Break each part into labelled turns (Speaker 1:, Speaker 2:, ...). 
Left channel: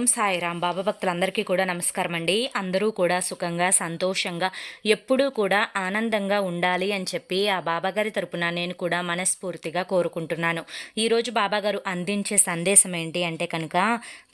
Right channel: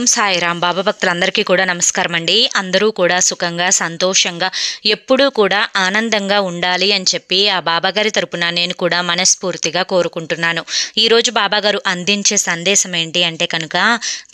Speaker 1: ఓం సాయిరామ్ బాబా భక్తులందరికీ కూడా నమస్కారం అండి అందరూ కూడా సుఖంగా సంతోషంగా ఎప్పుడూ కూడా ఆనందంగా ఉండాలి అని చెప్పి ఆ బాబాగారి తరపున నేను కూడా మనస్ఫూర్తిగా కోరుకుంటున్నాను. ఈరోజు బాబాగారు అందించే సందేశం ఏంటి అంటే కనుక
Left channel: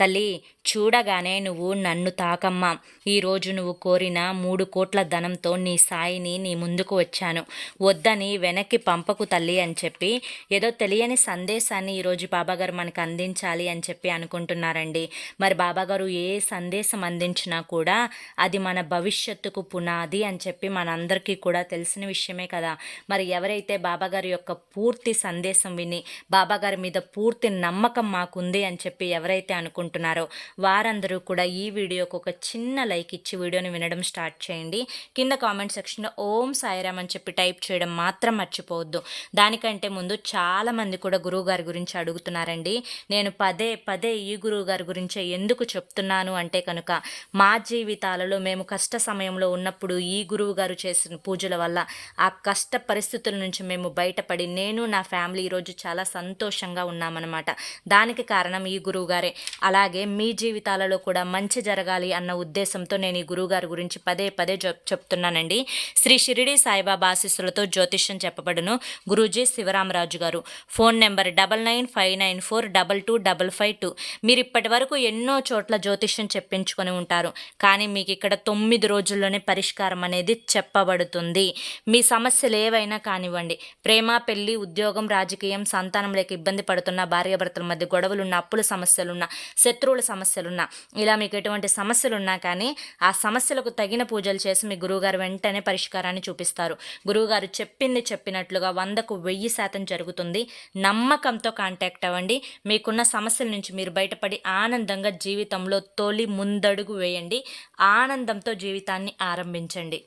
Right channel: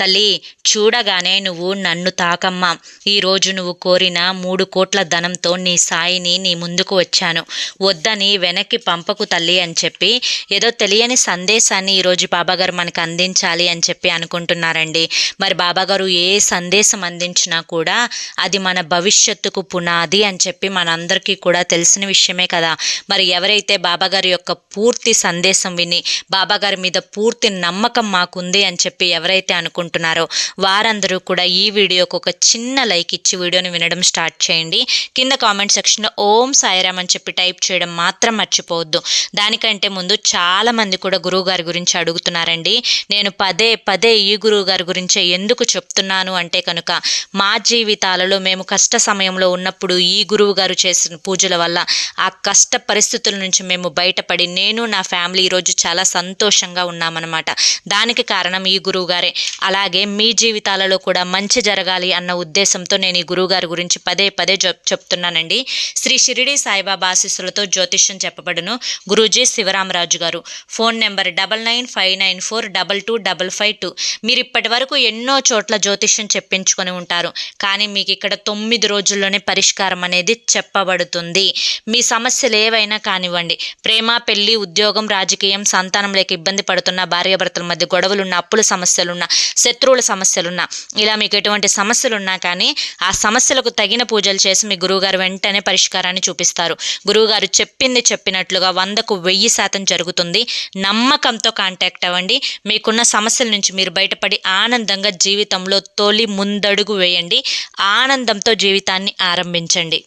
Speaker 1: తల్లి చూడగానే నువ్వు నన్ను తాకమ్మా. ఈరోజు నువ్వు కోరిన మూడు కోట్ల ధనంతో నీ సాయిని నీ ముందుకు వచ్చాను. వద్దని వెనక్కి పంపకు తల్లి అని చెప్పి ఏదో తెలియని సందేశాన్ని ఈరోజు బాబాగారు మనకు అందించాలి అని చెప్పి అనుకుంటున్నారండి. మరి బాబాగారు ఏ సందేశం అందించినా కూడా అది మన భవిష్యత్తుకు పునాది అని చెప్పి మనందరికీ కూడా తెలిసిన విషయమే కదా. మరి ఎవరైతే బాబాగారి యొక్క పూర్తి సందేశం విని బాబాగారి మీద పూర్తి నమ్మకం మాకుంది అని చెప్పి ఎవరైతే అనుకుంటున్నారో వారందరూ కూడా ఈ వీడియోకి ఒక చిన్న లైక్ ఇచ్చి వీడియోని వినడం స్టార్ట్ చేయండి. కింద కామెంట్ సెక్షన్లో ఓం సాయిరామ్ అని చెప్పి టైప్ చేయడం మాత్రం మర్చిపోవద్దు. దానికంటే ముందు చాలామంది కూడా గురువుగారి గురించి అడుగుతున్నారండి. నేను పదే పదే ఈ గురువుగారి గురించే ఎందుకు ఎందుకు చెప్తున్నాను అంటే కనుక మా జీవితాలలో మేము కష్ట సమయంలో ఉన్నప్పుడు ఈ గురువు గారు చేసిన పూజల వల్ల ఆ కష్ట పరిస్థితుల నుంచి మేము బయటపడి నేను నా ఫ్యామిలీ ఈరోజు చాలా సంతోషంగా ఉన్నామన్నమాట. దానికి కారణం ఈ గురువు గారే. అలాగే మీ జీవితాలలో కూడా మంచి జరగాలి అన్న ఉద్దేశంతో నేను ఈ గురువు గారి గురించి పదే పదే చెప్తున్నానండి. శ్రీ షిరిడి సాయిబాబా ఆశీస్సులతో జ్యోతిష్యం చెప్పబడును. గురూజీ శివరామరాజు గారు. Phone number double nine five nine four double two double five two. మీరు ఇప్పటి వరకు ఎన్నో ఎన్నో చోట్ల జ్యోతిష్యం చెప్పించుకొని ఉంటారు. కానీ మీకు ఇక్కడ తొమ్మిది రోజుల్లోనే పరిష్కారం అనేది చెప్పబడుతుంది. మీ సమస్యలు ఏవైనా కానివ్వండి. ప్రేమ పెళ్ళి ఉద్యోగం రాజకీయం సంతానం లేక ఇబ్బంది పడుతున్న భార్యాభర్తల మధ్య గొడవలున్న అప్పుల సమస్యలున్న శత్రువుల సమస్యలున్న ఇలా మీకు ఎటువంటి సమస్యలున్నా కానీ ఆ సమస్యలకు తగిన పూజలు చేసి మీ గురువుగారు వెంటనే పరిష్కారాన్ని చూపిస్తారు. గురువుగారు చెప్పింది చెప్పినట్లుగా వందకు వెయ్యి శాతం జరుగుతుంది. నమ్మకంతో కాంటాక్ట్ అవ్వండి. మీకున్న సమస్యల నుంచి మీరు బయటపడి ఆనందంగా జీవితంలో తొలి ముందడుగు వేయండి. ఆనందంతో జీవితాన్ని ఆరంభించండి.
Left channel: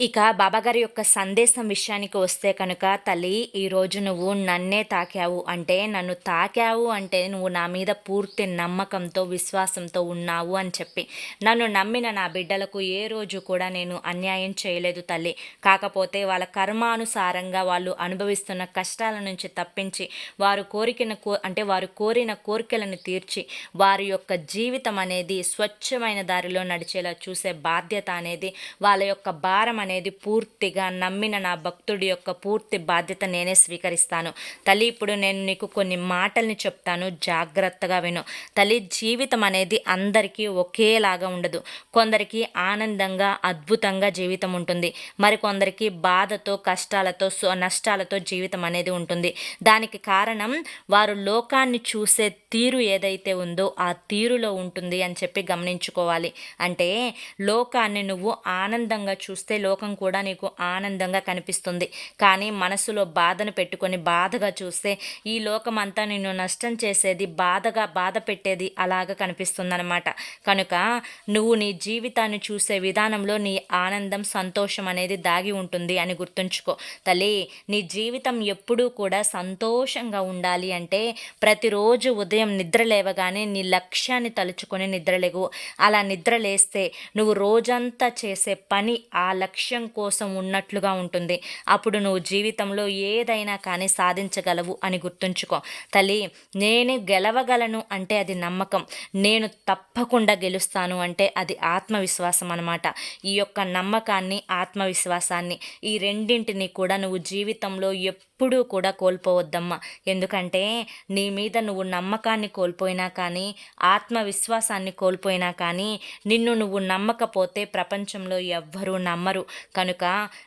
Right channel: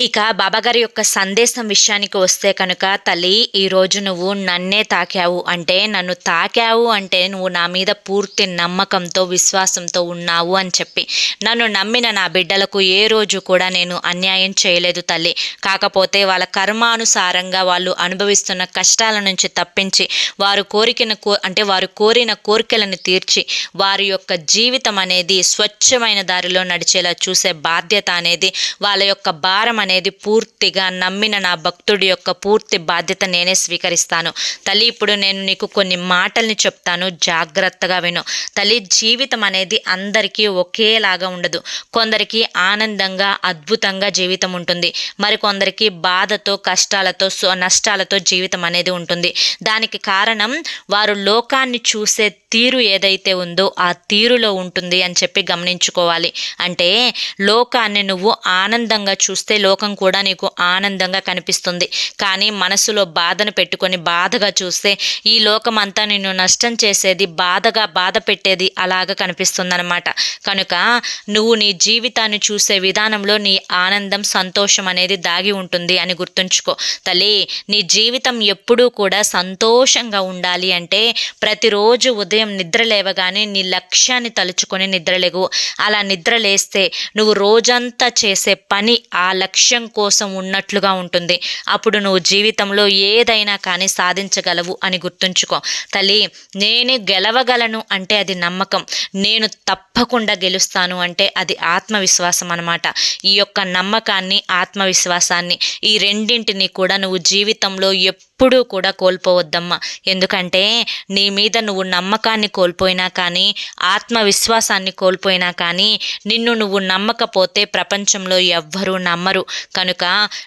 Speaker 1: ఇక బాబాగారి యొక్క సందేశం విషయానికి వస్తే కనుక తల్లి ఈరోజు నువ్వు నన్నే తాకావు అంటే నన్ను తాకావు అంటే నువ్వు నా మీద పూర్తి నమ్మకంతో విశ్వాసంతో ఉన్నావు అని చెప్పి. నన్ను నమ్మిన నా బిడ్డలకు ఏ రోజు కూడా నేను అన్యాయం చేయలేదు తల్లి. కాకపోతే వాళ్ళ కర్మానుసారంగా వాళ్ళు అనుభవిస్తున్న కష్టాల నుంచి తప్పించి వారు కోరికన కో అంటే వారు కోరిన కోరికలను తీర్చి వారి యొక్క జీవితం అనేది స్వచ్ఛమైన దారిలో నడిచేలా చూసే బాధ్యత అనేది వాళ్ళ యొక్క భారం అనేది పూర్తిగా నమ్మిన నా భక్తుడి యొక్క పూర్తి బాధ్యత నేనే స్వీకరిస్తాను. తల్లి ఇప్పుడు నేను నీకు కొన్ని మాటల్ని చెప్తాను. జాగ్రత్తగా విను. తల్లి జీవితం అనేది అందరికీ ఒకేలాగా ఉండదు. కొందరికి ఆనందంగా అద్భుతంగా జీవితం ఉంటుంది. మరికొందరికి బాధతో కష్టాలతో నష్టాలతో జీవితం అనేది ఉంటుంది. దానికి కారణం వారు లోకాన్ని చూసే తీరు ఏదైతే ఉందో ఆ తీరులో ఉంటుంది అని చెప్పి గమనించుకోవాలి. అంటే లోకాన్ని నువ్వు ఆనందంగా చూస్తే లోక లోకం కూడా నీకు ఆనందంగా కనిపిస్తుంది. కానీ మనసులో బాధను పెట్టుకొని బాధగా చూస్తే ఈ లోకం అంతా నిన్ను నష్టం చేసేది బాధగా బాధ పెట్టేది అలాగ కనిపిస్తుందన్నమాట. కనుక నువ్వు నీ జీవితాన్ని చూసే విధానంలో నీ ఆనందం సంతోషం అనేది దాగి ఉంటుంది అని గుర్తుంచుకో. తల్లి నీ జీవితం ఎప్పుడూ కూడా సంతోషంగా ఉండాలి అంటే ప్రతిరోజు ఉదయం నిద్ర లేవగానే నీ లక్ష్యాన్ని తలుచుకొని నిద్రలేగు అలా నిద్ర లేస్తే నువ్వు రోజంతా చేసే పని ఆ లక్ష్యం లక్ష్యం కోసం ఉన్నట్లుగా ఉంటుంది. అప్పుడు నువ్వు జీవితంలో ఏదైనా కానీ సాధించగలవు అని గుర్తుంచుకో. తల్లి నేను గెలవగలను అంటే అది నమ్మకం. నేను తప్పకుండా గెలుస్తాను అంటే అది ఆత్మవిశ్వాసం అనమాట ఈ యొక్క నమ్మకాన్ని ఆత్మవిశ్వాసాన్ని ఈ రెండింటిని కూడా నువ్వు జీవితంలో ఎప్పుడూ కూడా కోల్పోవద్దమ్మా. ఎందుకంటే నీ మీద నువ్వు నమ్మకాన్ని కోల్పోయినా కానీ ఆత్మవిశ్వాసాన్ని కోల్పోయినా కానీ నిన్ను నువ్వు నమ్మకపోతే ప్రపంచంలో ఎవ్వరూ నమ్మరు. కనుక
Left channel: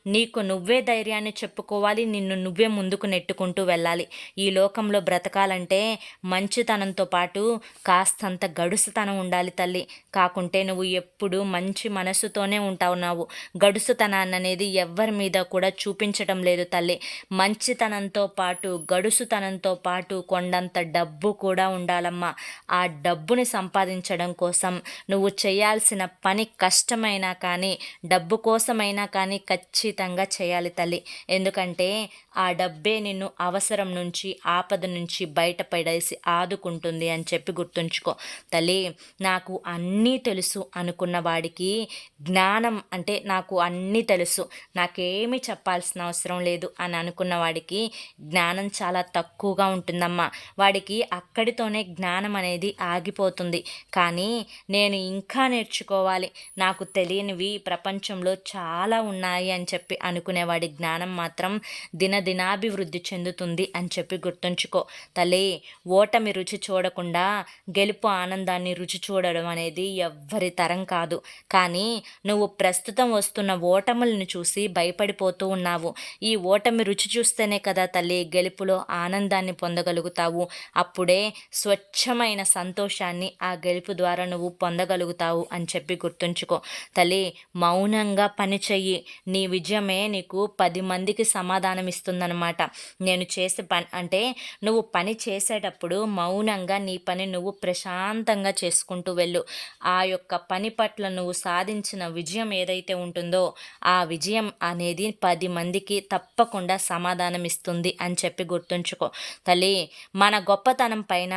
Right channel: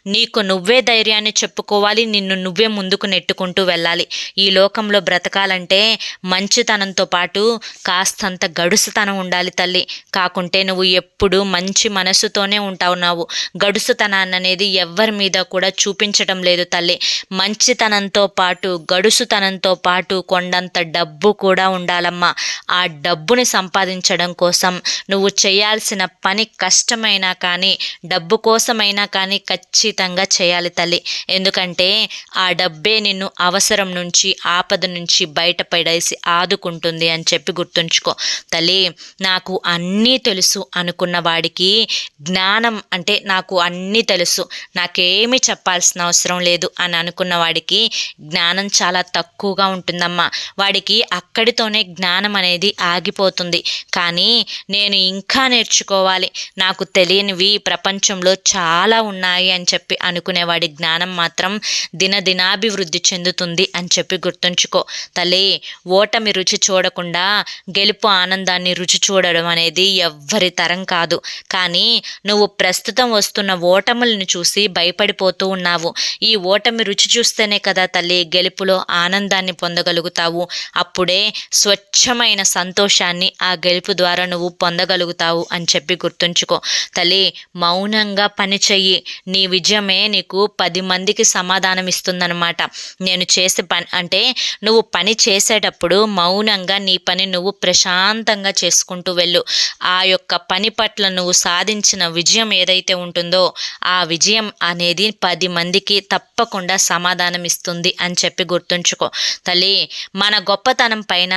Speaker 1: నీకు నువ్వే ధైర్యాన్ని చెప్పుకోవాలి నిన్ను నువ్వే ముందుకు నెట్టుకుంటూ వెళ్ళాలి. ఈ లోకంలో బ్రతకాలంటే మంచితనంతో పాటు కాస్తంత గడుసుతనం ఉండాలి తల్లి. కాకుంటే నువ్వు ఎప్పుడు మంచి మనసుతోనే ఉంటావు నావు. గడుసుతనాన్ని అనేది ఎవ్వరి మీద కూడా చూపించడం లేదు తల్లి. మంచితనంతో పాటు గడుసుతనంతో పాటు కొండంత డబ్బు కూడా ఉండాలమ్మా. ఆ డబ్బుని సంపాదించడం కోసం నువ్వు చేయాల్సిన పని కష్టమైనా కానీ డబ్బు కోసమైనా కానీ ఖచ్చితంగా చేయాలి తల్లి. ఎందుకంటే ఆ డబ్బే నిన్ను అవసరం నుంచి ఆపద నుంచి బయటపడేసి ఆదుకుంటుంది అని చెప్పి గుర్తుంచుకో. తల్లి నాకు అన్నీ తెలుసు అనుకున్న వాడికి జ్ఞానం అంటే నాకు అన్నీ తెలుసు. నాకేమి చెప్పాల్సిన అవసరం లేదు అని అనుకున్న వాడికి జ్ఞానం చాలా తక్కువగా ఉంటుందమ్మా. వాడికి అక్కడితోనే జ్ఞానం అనేది ఆగిపోతుంది. కానీ నేను ఇంకా నేర్చుకోవాలి. నాకు తెలియనివి ప్రపంచంలో చాలా ఉన్నాయి అని చెప్పి అనుకునేవాడి జ్ఞానం మాత్రం దినదినాభివృద్ధి చెందుతుంది అని చెప్పి గుర్తుంచుకో. తల్లి ఓటమి రుచి చూడకుండా గెలుపు ఆనందాన్ని రుచి చూడడం అనేది ఎవ్వరి తరం కాదు. కానీ నువ్వు ప్రస్తుతం వస్తున్న ఓటములను చూసి భయపడిపోతూ ఉన్నావు. ఈ ఓటమి రుచి చూస్తేనే కదా తల్లి గెలుపులో ఆనందాన్ని పొందగలుగుతావు. అప్పుడే స్వచ్ఛమైన సంతోషాన్ని ఆ గెలుపు ద్వారా నువ్వు పొందగలుగుతావు అని చెప్పి గుర్తుంచుకో. తల్లి మౌనంగా పనిచే చెయ్యి. నీ విజయమే నీకు పది మందికి సమాధానం ఇస్తుందన్నమాట నేను చేసే పని అంటే నువ్వు పని చేసేటప్పుడు మౌనంగా నీ పని నువ్వు ప్రశాంతంగా చేసుకుంటూ వెళ్ళు. ఆ యొక్క పని పట్ల నువ్వు సాధించిన విజయం ఏదైతే ఉంటుందో ఆ విజయం అనేది పది మందికి తప్పకుండా సమాధానం ఇస్తుంది అని చెప్పి గుర్తుంచుకో. తల్లి మన గొప్పతనం పైన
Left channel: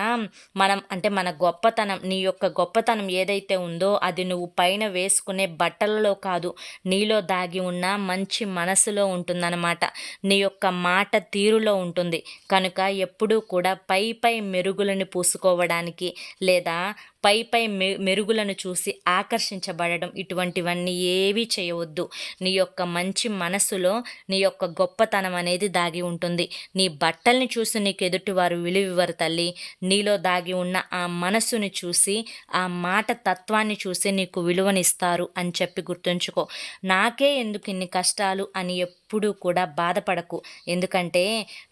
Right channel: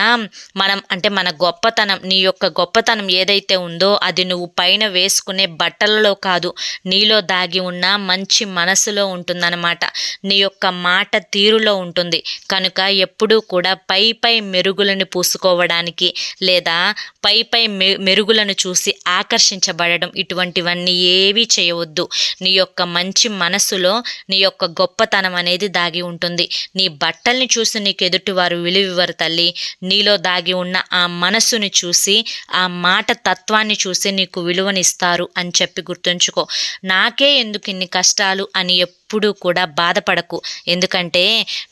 Speaker 1: మనం అంటే మన గొప్పతనం నీ యొక్క గొప్పతనం ఏదైతే ఉందో అది నువ్వు పైన వేసుకునే బట్టలలో కాదు నీలో దాగి ఉన్న మంచి మనసులో ఉంటుందన్నమాట. నీ యొక్క మాట తీరులో ఉంటుంది. కనుక ఎప్పుడూ కూడా పై పై మెరుగులను పూసుకోవడానికి లేదా పై పై మెరుగులను చూసి ఆకర్షించబడడం ఇటువంటివన్నీ ఏవీ చేయవద్దు. నీ యొక్క మంచి మనసులో నీ యొక్క గొప్పతనం అనేది దాగి ఉంటుంది. నీ బట్టల్ని చూసి నీకు ఎదుటివారు విలువివ్వరు తల్లి. నీలో దాగి ఉన్న ఆ మనసుని చూసి ఆ మాట తత్వాన్ని చూసి నీకు విలువనిస్తారు అని చెప్పి గుర్తుంచుకో. నా ఎందుకు ఇన్ని కష్టాలు అని ఎప్పుడూ కూడా బాధపడకు. ఎందుకంటే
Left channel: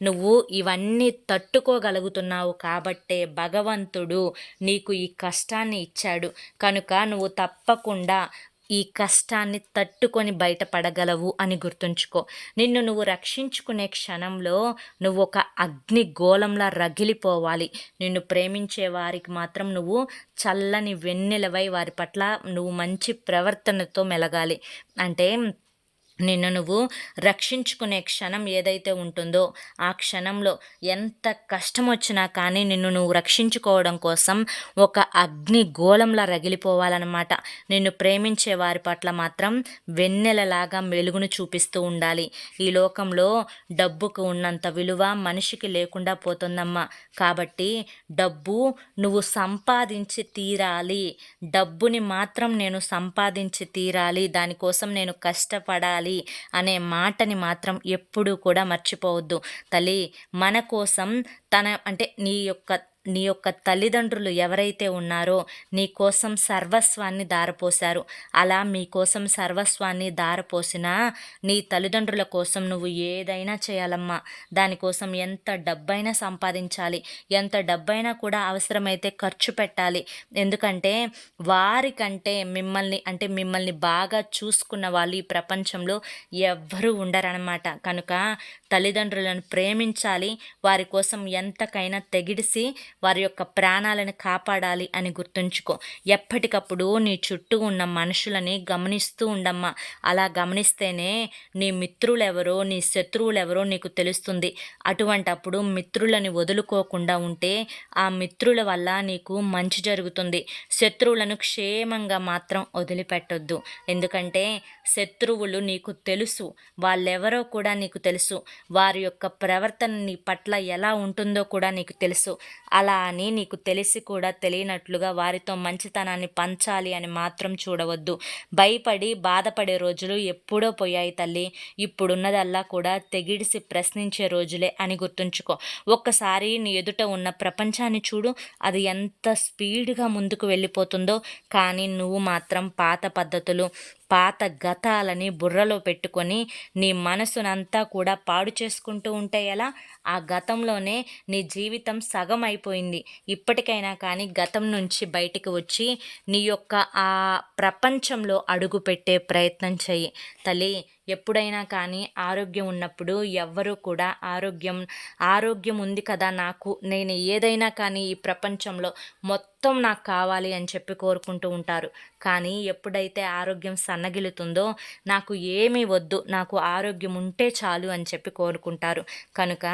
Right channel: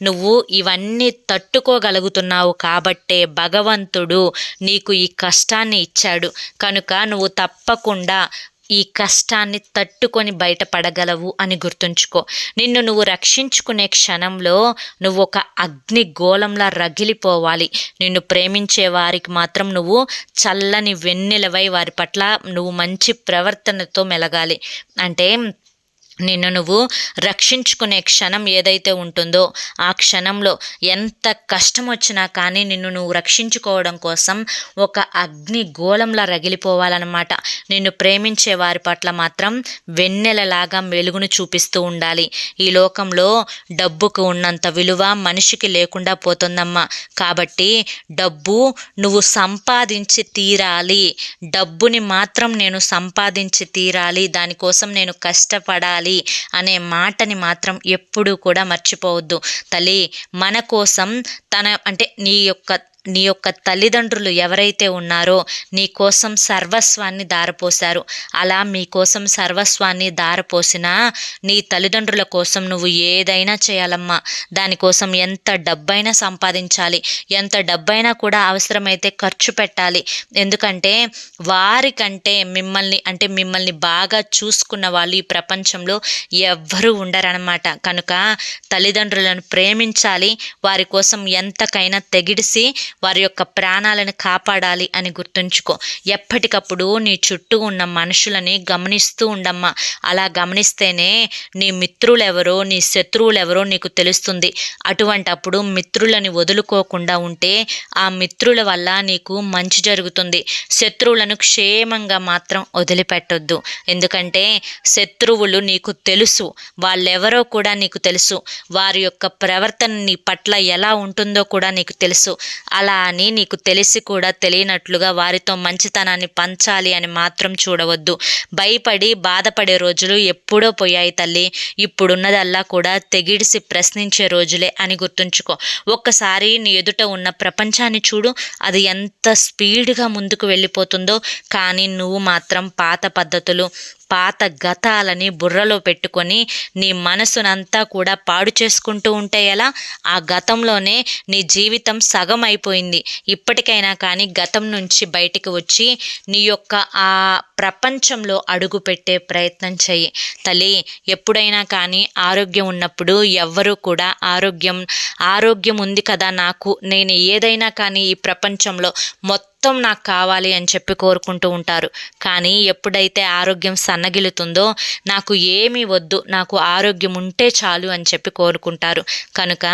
Speaker 1: నువ్వు ఇవన్నీ తట్టుకోగలుగుతున్నావు కాబట్టే భగవంతుడు నీకు ఈ కష్టాన్ని ఇచ్చాడు. కనుక నువ్వు తప్పకుండా ఈ కష్టాన్ని తట్టుకొని బయటపడగలవు అని గుర్తుంచుకో. నిన్ను నువ్వు రక్షించుకునే క్షణంలో నువ్వు ఒక అగ్ని గోళంలా రగిలిపోవాలి. నిన్ను ప్రేమించే వారికి మాత్రం నువ్వు చల్లని వెన్నెలవై వారి పట్ల నువ్వు మంచి ప్రవర్తనతో మెలగాలి. అంటే నిన్ను నువ్వు రక్షించుకునే క్షణం ఏదైతే ఉంటుందో ఆ క్షణంలో ఎంత కష్టం వచ్చినా కానీ నిన్ను నువ్వు రక్షించుకోవడం కోసం ఒక అగ్ని గోళంలా రగిలిపోవాలన్నమాట. నిన్ను ప్రేమించే వారి పట్ల మాత్రం వెన్నెలలాగా వెలుగును చూపిస్తూ ఉండాలి. ఈ లోకంలో డబ్బుకు ఉన్నంత విలువ మనిషికి లేకుండా పోతుందమ్మా. కాబట్టి డబ్బు నువ్వు సంపాదించి తీరాలి. డబ్బుని మాత్రం నేను సంపాదించి తీరాలి. దానికోసం నేను కష్టపడాలి. ఉండాలి అనే మాటని మాత్రం ఎప్పుడూ కూడా మర్చిపోవద్దు. తల్లి మన కోసం తన అంటే నీ యొక్క నీ యొక్క తల్లిదండ్రులు ఎవరైతే ఉన్నారో నీ కోసం సర్వస్వాన్ని దారపోశారు. అలా మీ కోసం సర్వస్వాన్ని దారపోసినా నీ తల్లిదండ్రుల కోసం నువ్వు ఏదైనా చేయాలమ్మా. దానికోసం ఎంత డబ్బైనా సంపాదించాలి. ఎంత డబ్బైనా కూడా అవసరమైతే ఖర్చు పెట్టాలి. ఎందుకంటే వారికంటే మిమ్మల్ని అంటే మిమ్మల్ని బాగా చూసుకున్న వాళ్ళు ఈ ప్రపంచంలో ఎవ్వరూ ఉండరనమాట కనుక తల్లిదండ్రులను ప్రేమించాలి. వారి కోసం ఎంతకైనా తెగిడిసి వారి యొక్క ప్రాణాలను కాపాడాలి అని గుర్తుంచుకో. ఎప్పటికప్పుడు నీ చుట్టూ ఉన్న మనుషులని గమనిస్తూ ఉండమ్మా. అలా గమనిస్తేనే నీ మిత్రులు ఎవరో నీ శత్రువులు ఎవరో నీకు తెలుస్తుంది. అటువంటప్పుడు మిత్రులని వదులుకోకుండా ఉంటే ఆ మిత్రుల వల్ల నీకు మంచి జరుగుతుంది. శత్రువులను క్షేమంగా మాత్రం వదిలిపెట్టొద్దు. ఎందుకంటే శత్రువులు నీకు తెలుసు. వాళ్ళెవరో కూడా నీకు తెలుసు. వారి యొక్క ప్రవర్తన నీ పట్ల ఎలా ఉంటుందో కూడా నీకు తెలుసు. అలా అని నీకు తెలిసి కూడా తెలియనట్లుగా వారితో మంచితనాన్ని పంచాలి అని మాత్రం చూడవద్దు. భయపడి బాధపడే రోజులు ఎప్పుడో పోయాయి తల్లి. ఇప్పుడున్నదల్లా కూడా తెగిడిసి ప్రశ్నించే రోజులే అని గుర్తుంచుకో. ఒక్కసారి నీ ఎదుట ఉన్న ప్రపంచాన్ని చూడు. అది ఎంత స్పీడ్గా ముందుకు వెళ్ళిపోతుందో. కానీ నువ్వు మాత్రం పాత పద్ధతులు పాత గతాలని బుర్రలో పెట్టుకొని నీ మనసునంతా కూడా పాడు చేసుకుంటూ ఉంటే ఎలా? ఆ గతంలోనే నీ జీవితం సగం అయిపోయింది ఇప్పటికైనా కానీ గతం నుంచి బయటికి వచ్చి నీ యొక్క ఆ ప్రపంచంలో అడుగు పెట్టే ప్రయత్నం చెయ్యి. తల్లి ఎప్పుడైనా కానీ ఆరోగ్యం ఉన్నప్పుడు ఎవ్వరూ కూడా ఆరోగ్యం ఆరోగ్యం ఉంది కదా నాకు నేను ఏదైనా కానీ ఈ ప్రపంచంలో మొత్తం మొత్తం నాకు కావాలి అని చెప్పి కోరుకుంటూ ఉంటారు. కానీ ఎప్పుడైతే ఆరోగ్యం సన్నగిలుతుందో నాకు ఏమీ వద్దు నాకు ఆరోగ్యం ఉంటే చాలు అని చెప్పి కోరుకుంటారు. కనుక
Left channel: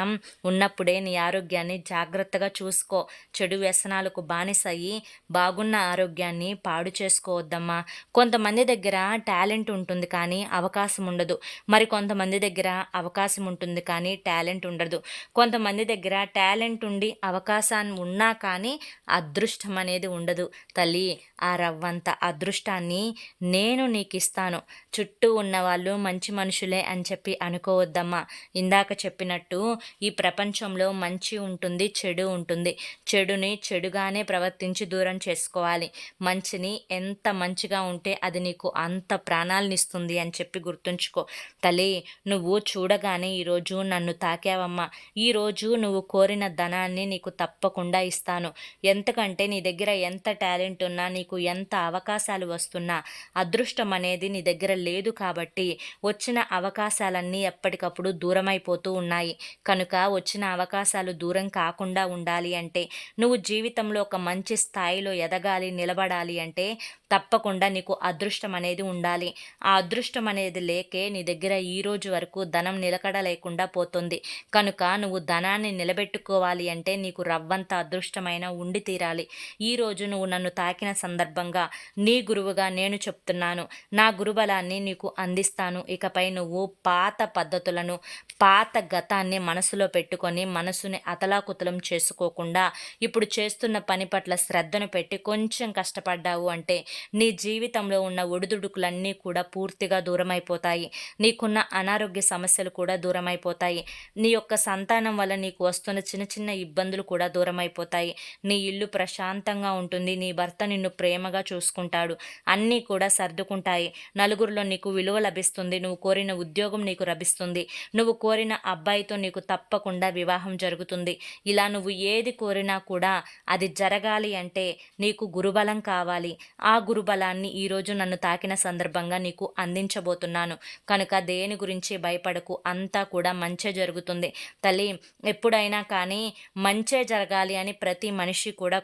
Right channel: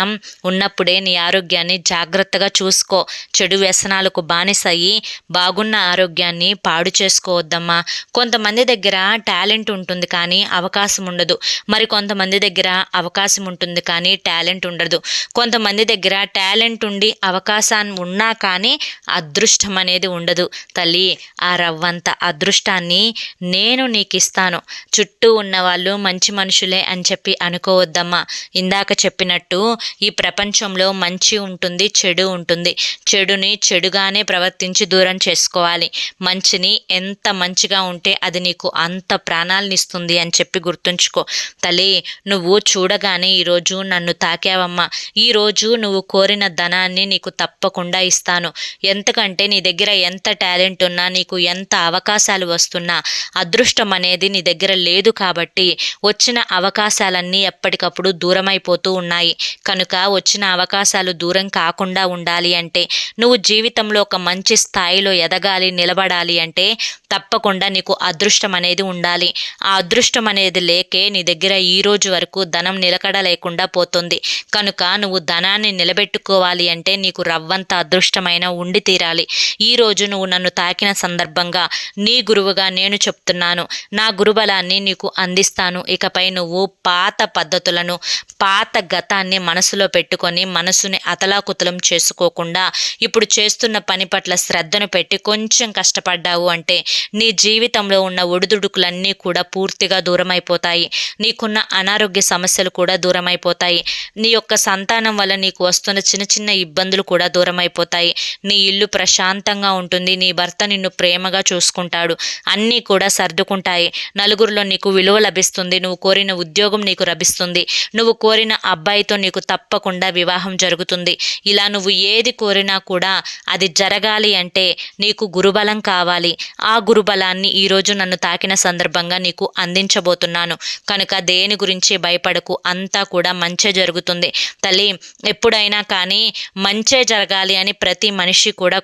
Speaker 1: ఉన్నప్పుడే నీ ఆరోగ్యాన్ని జాగ్రత్తగా చూసుకో. చెడు వ్యసనాలకు బానిసయ్యి బాగున్న ఆరోగ్యాన్ని పాడు చేసుకోవద్దమ్మా. కొంతమంది దగ్గర టాలెంట్ ఉంటుంది కానీ అవకాశం ఉండదు. మరి కొంతమంది దగ్గర అవకాశం ఉంటుంది కానీ టాలెంట్ ఉండదు. కొంతమంది దగ్గర టాలెంట్ ఉండి అవకాశాన్ని ఉన్నా కానీ అదృష్టం అనేది ఉండదు. తల్లి ఆ రవ్వంత అదృష్టాన్ని నేను నీకు ఇస్తాను చుట్టూ ఉన్నవాళ్ళు మంచి మనుషులే అని చెప్పి అనుకోవద్దమ్మా. ఇందాక చెప్పినట్టు ఈ ప్రపంచంలో మంచి ఉంటుంది చెడు ఉంటుంది. చెడుని చెడుగానే ప్రవర్తించి దూరం చేసుకోవాలి. మంచిని ఎంత మంచిగా ఉంటే అది నీకు అంత ప్రాణాలనిస్తుంది అని చెప్పి గుర్తుంచుకో. తల్లి నువ్వు చూడగానే ఈరోజు నన్ను తాకావమ్మా. ఈరోజు నువ్వు కోరిన ధనాన్ని నీకు తప్పకుండా ఇస్తాను. ఎంతకంటే నీ దగ్గర దగ్గర ఎంత టాలెంట్ ఉన్నా నీకు ఎంత అవకాశాలు వస్తున్నా అదృష్టం అనేది నీ దగ్గర లేదు కాబట్టి వచ్చిన అవకాశాలన్నీ ఎప్పటికప్పుడు దూరమైపోతూ ఉన్నాయి. కనుక వచ్చిన అవకాశాలు దూరం కాకుండా ఉండాలి అంటే నువ్వు జీవితంలో ఒక మంచి స్థాయిలో ఎదగాలి నిలబడాలి అంటే తప్పకుండా నీకు అదృష్టం అనేది ఉండాలి. ఆ అదృష్టం అనేది లేకే నీ దగ్గర ఈ రోజు వరకు ధనం నిలకడ లేకుండా పోతుంది. కనుక నువ్వు ధనాన్ని నిలబెట్టుకోవాలి అంటే నీకు రవ్వంత అదృష్టమైన ఉండి తీరాలి. ఈరోజు నువ్వు నన్ను తాకిన సందర్భంగా నీ గురువుగా నేను చెప్తున్నాను. నా గురుబలాన్ని నీకు అందిస్తాను. ఇకపై నువ్వు పాత పద్ధతులను పాత గతాన్ని మనసులో పెట్టుకొని మనసుని అతలాకుతలం చేసుకోకుండా ఇప్పుడు చేస్తున్న పని పట్ల శ్రద్ధను పెట్టి కొంచెం కష్టపడ్డావు అంటే నీ జీవితంలో ఉన్న ఒడిదుడుకులన్నీ కూడా పూర్తిగా దూరమైపోతాయి. నీకున్న అనారోగ్య సమస్యలు కూడా దూరమైపోతాయి. నీ యొక్క సంతానం వల్ల నీకు వస్తున్న చిన్న చిన్న ఇబ్బందులు కూడా దూరమైపోతాయి. నీ ఇల్లు ప్రశాంత ప్రశాంతంగా ఉంటుంది. నీ భర్త నిన్ను ప్రేమగా చూసుకుంటాడు. అన్నీ కూడా సర్దుకుంటాయి. నలుగురిలో నీకు విలువ లభిస్తుంది. నువ్వు కోరిన ఉద్యోగం నీకు లభిస్తుంది నువ్వు కోరిన అబ్బాయితో నీకు తప్పకుండా వివాహం జరుగుతుంది. ఇలా నువ్వు ఏది కోరినా కూడా అది జరగాలి అంటే నీకు గురుబలం కావాలి. ఆ గురుబలాన్ని ఈరోజు నన్ను తాకిన సందర్భంగా నీకు అందించబోతున్నాను. కనుక దేని గురించి భయపడకు. అంతా కూడా మంచే జరుగుతుంది. తల్లి ఎప్పుడైనా కానీ మంచే జరగాలి అని ప్రతి మనిషి కూడా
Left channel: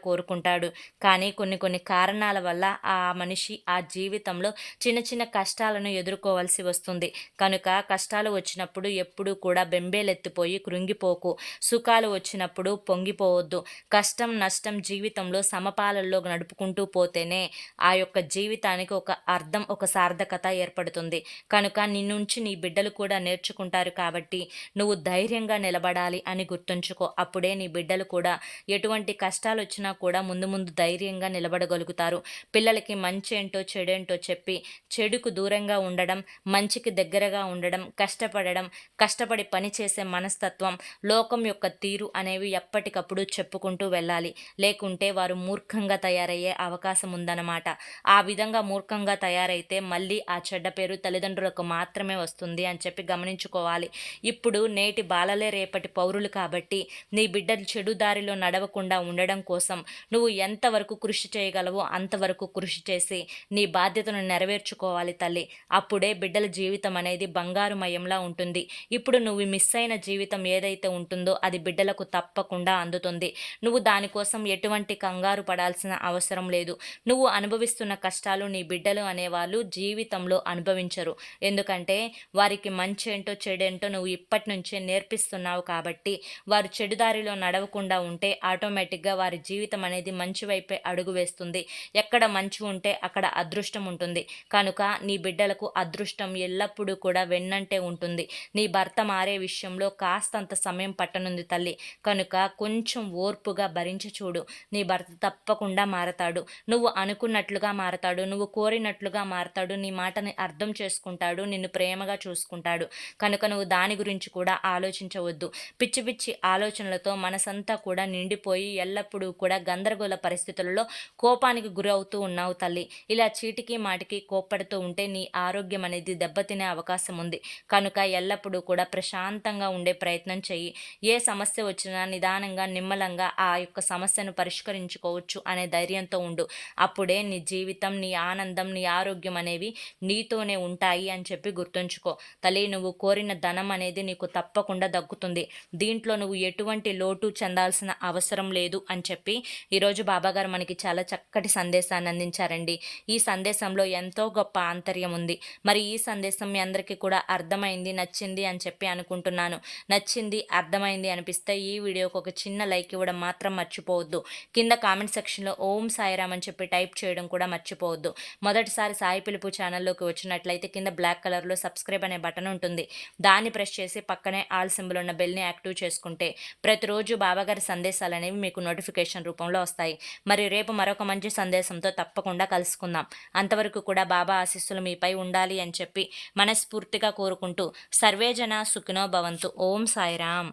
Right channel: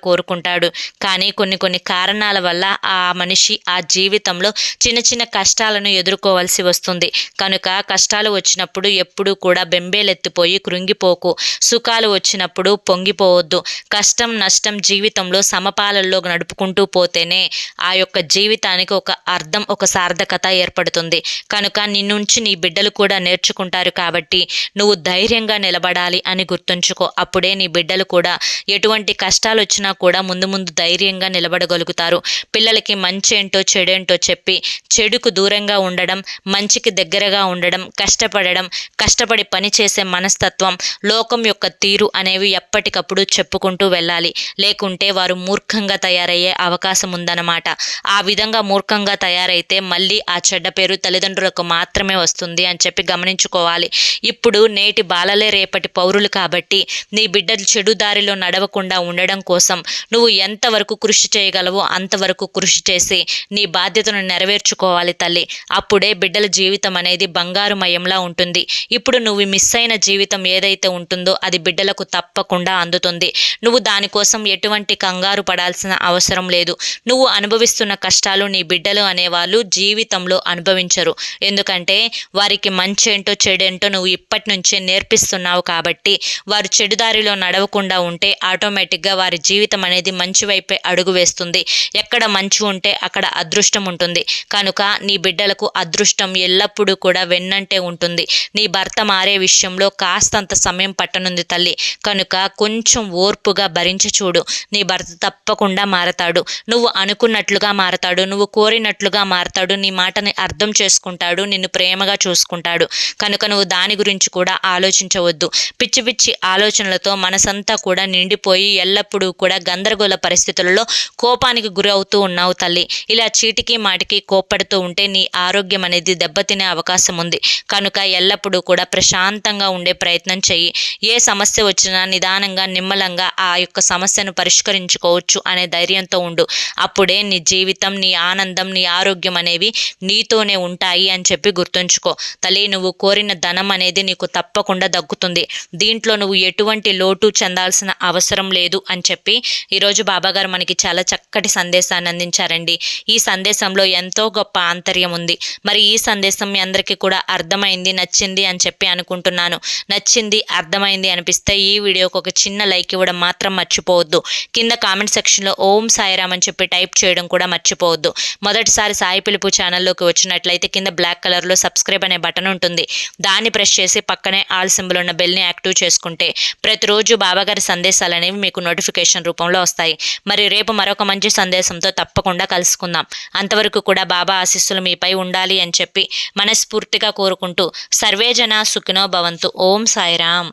Speaker 1: ఉంటాడు కానీ కొన్ని కొన్ని కారణాల వల్ల ఆ మనిషి ఆ జీవితంలో చిన్న చిన్న కష్టాలను ఎదుర్కోవాల్సి వస్తుంది. కనుక కష్టాలు వచ్చినప్పుడు ఎప్పుడూ కూడా బెంబేలెత్తిపోయి కృంగిపోకు. సుఖాలు వచ్చినప్పుడు పొంగిపోవద్దు. కష్టం నష్టం జీవితంలో సమపాలల్లో నడుపుకుంటూ పోతేనే ఆ యొక్క జీవితానికి ఒక అర్థం ఒక సార్థకత ఏర్పడుతుంది. కనుక నిన్నుంచి నీ బిడ్డలు కూడా నేర్చుకుంటారు కాబట్టి నువ్వు ధైర్యంగా నిలబడాలి అని గుర్తుంచుకో. అప్పుడే నీ బిడ్డలు కూడా ఎటువంటి కష్టాలు వచ్చినా కూడా ముందు ముందు ధైర్యంగా నిలబడగలుగుతారు. పిల్లలకి మంచి ఏంటో చెడేంటో చెప్పి చెడుకు దూరంగా ఉండడం మంచికి దగ్గరగా ఉండడం కష్టపడడం కష్టపడి పని చేసే మనస్తత్వం లోకం యొక్క తీరు అనేవి ఎప్పటికప్పుడు చెప్పుకుంటూ వెళ్ళాలి. లేకుంటే వారు మూర్ఖంగా తయారయ్యే అవకాశం ఉందన్నమాట. ఆ విధంగా మూర్ఖంగా తయారైతే మళ్ళీ ఆ చెడ్డ పేరు తల్లిదండ్రులకు మాత్రమే వస్తుంది అని చెప్పి గమనించుకోవాలి. ఇప్పుడు నేటి బాలలే రేపటి పౌరులు కాబట్టి నీ బిడ్డలు చెడు దారిలో నడవకుండా ఉండడం కోసం నువ్వు ఎంతవరకు కృషి చేయగలవో అంతవరకు కృషి చేసి నీ బాధ్యతను నెరవేర్చుకోవాలి తల్లి. అప్పుడే బిడ్డల జీవితం అనేది బంగారుమయంలా ఉంటుంది. ఇప్పుడు నువ్వు మిస్ అయిన జీవితం ఏదైతే ఉంటుందో అది బిడ్డలకు తప్పకుండా అందుతుంది. నువ్వు దానికోసం ఎటువంటి కంగారు పడాల్సిన అవసరం లేదు. నువ్వు అనుభవిస్తున్న కష్టాలు నీ బిడ్డలు అనేవాళ్ళు జీవితంలో అనుభవించరు. ఎందుకంటే వారికి మంచి ఏంటో చెడేంటో నువ్వు ఇప్పటి నుంచే నేర్పిస్తున్నావు కాబట్టి వారు చెడుదారిలో నడవకుండా ఉంటే ఆటోమేటిక్గా వారి జీవితం అనేది మంచి వైపే అడుగు వేస్తుంది. ఎక్కడ మంచు ఉంటే అక్కడ అదృష్టం ఉంటుంది. కనుక నీ బిడ్డలకు అదృష్టం ఎల్లప్పుడూ కూడా వెన్నంటే ఉంటుంది. నీ భర్త మారే విషయంలో కాస్తంత సమయం పట్టనుంది తల్లి. కనుక కొంచెం ఓర్పుగా భరించి చూడు. నీ భర్త తప్పకుండా మారతాడు. నువ్వు అనుకున్నట్లుగా మారతాడు. నువ్వు కోరినట్లుగా మారతాడు. నీ మాటని అర్థం చేసుకుంటాడు. నిన్ను ప్రేమగా చూసుకుంటాడు. కనుక నువ్వు దాని గురించి కూడా ఆలోచించవద్దు. పిచ్చి పిచ్చి ఆలోచనలతో మనసంతా కూడా నిండిపోయి ఎల్లప్పుడూ కూడా గందరగోళ పరిస్థితులలో కోపానికి గురి అవుతూ ఉన్నావు తల్లి. ఇలా చీటికి మాటికి కోప్పడుతూ ఉంటే నీ ఆరోగ్యం అనేది దెబ్బతినే అవకాశం ఉంది. కనుక ఎల్లప్పుడూ కూడా ప్రశాంతంగా ఉండే ప్రయత్నం చెయ్యి. ఏ సమస్య వచ్చినా నిదానంగా నిమ్మలంగా ఆ యొక్క సమస్యను పరిష్కరించుకోవచ్చు అనే ధైర్యంతో ఉండు. అప్పుడే నీ జీవితం నీ ఆనందం నీ ఆరోగ్యం అనేవి నీతోనే ఉంటాయి అని చెప్పి గుర్తుంచుకో. తల్లి నువ్వు కోరిన ధనం అనేది నీకు తప్పకుండా దక్కుతుంది. దీంట్లో నువ్వు ఎటువంటి లోటు చెందాల్సిన అవసరం లేదు అని చెప్పి ఈరోజు ఈరోజు బాబాగారు మనకి చాలా చక్కటి సందేశాన్ని అందించారండి. ఈ సందేశంలో ఎంతో గొప్ప ఆంతర్యం ఉంది. మరి ఈ సందేశం మీ అందరికీ కూడా అర్థమైంది నచ్చింది అని చెప్పి అనుకుంటున్నాను. నచ్చింది అర్థమైంది అనిపిస్తే ఈ వీడియోకి ఒక చిన్న లైక్ ఇవ్వడం మాత్రం మర్చిపోవద్దు. కింద కామెంట్ సెక్షన్లో ఓం సాయిరామ్ అని చెప్పి టైప్ చేయడం కూడా మర్చిపోవద్దు. మొదటిసారి సాయి పిలుపు ఛానల్లోకి వచ్చినట్లయితే కింద బ్లాక్ కలర్లో సబ్స్క్రైబ్ అనే బటన్ ఉంటుంది. దాన్ని ప్రెస్ చేసి పక్కనే ఆల్ సింబల్ ఉన్న బెల్ని యాక్టివ్ చేసుకుంటే ప్రతిరోజు బాబాగారి సందేశాలు అనేవి మీకు నోటిఫికేషన్ రూపంలో వస్తాయి. మరి రేపు మరొక మంచి సందేశంతో తప్పకుండా కలుసుకుందాం. అంతవరకు కూడా బాబా ఆశీస్సులు మీపై ఉండాలి అని చెప్పి మనస్ఫూర్తిగా కోరుకుంటూ సర్వేజన సుఖినో భవంతు. ఓం సాయిరామ్.